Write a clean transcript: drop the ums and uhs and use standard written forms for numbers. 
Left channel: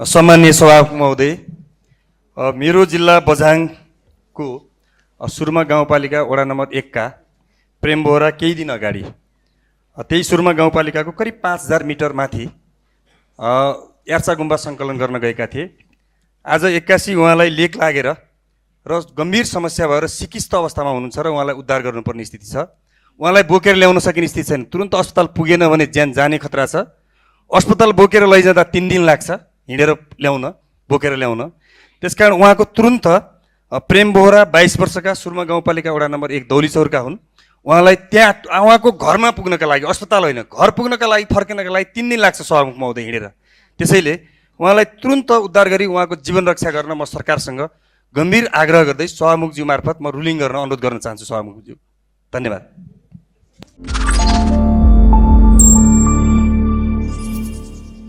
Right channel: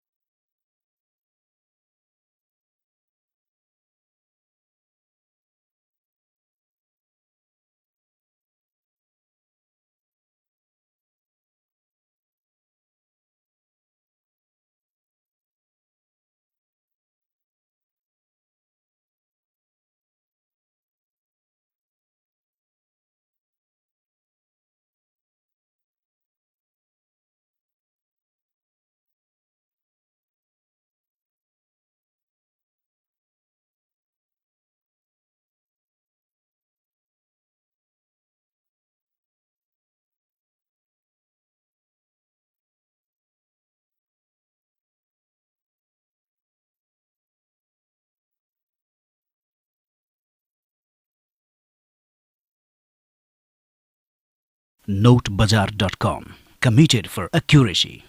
सम्माननीय सभामुख महोदय, मेरो जिल्ला बझाङको सुरमा गाउँपालिका वडा नम्बर 1 का प्रेम बोहरा केही दिन अगाडि त्यही सुरमा गाउँपालिकाको करिब 5000 मिटर माथि यार्चा गुम्बा सङ्कलन गर्न गएका थिए। आज 81 उहाँलाई लेक लागेर र गम्भीर समस्या भएर सिकिस्त अवस्थामा हुनुहुन्छ र उहाँलाई उद्धार गर्नुपर्ने स्थिति छ। उहाँलाई बोकेर ल्याउन सकिने स्थिति छैन। तुरुन्त अस्पताल पुगेन भने ज्यान जाने खतरा छ। अस्पताल बोकेर लैजाँदा 3 दिन लाग्छ हिँडेर ल्याउन, बोकेर ल्याउन। त्यसकारण उहाँको तुरुन्त प्रेम बोहरा 22 वर्षका सुरमा गाउँपालिका वडा नम्बर 1 दौलीचौरका हुन्। उहाँलाई त्यहाँ उहाँको घरमा पुग्नका लागि, अस्पताल होइन घर पुग्नका लागि, फर्किनका लागि 3 दिन लाग्छ सभामुख महोदय हिँडेर। त्यसैले उहाँलाई तुरुन्त उद्धार गरी उहाँको जीवन रक्षा गर्न म सरकारसँग गम्भीर आग्रह गर्दै सभामुखज्यू मार्फत म रुलिङ गर्न अनुरोध गर्न चाहन्छु सभामुखज्यू। धन्यवाद। Notebazar.com, committed for accuracy.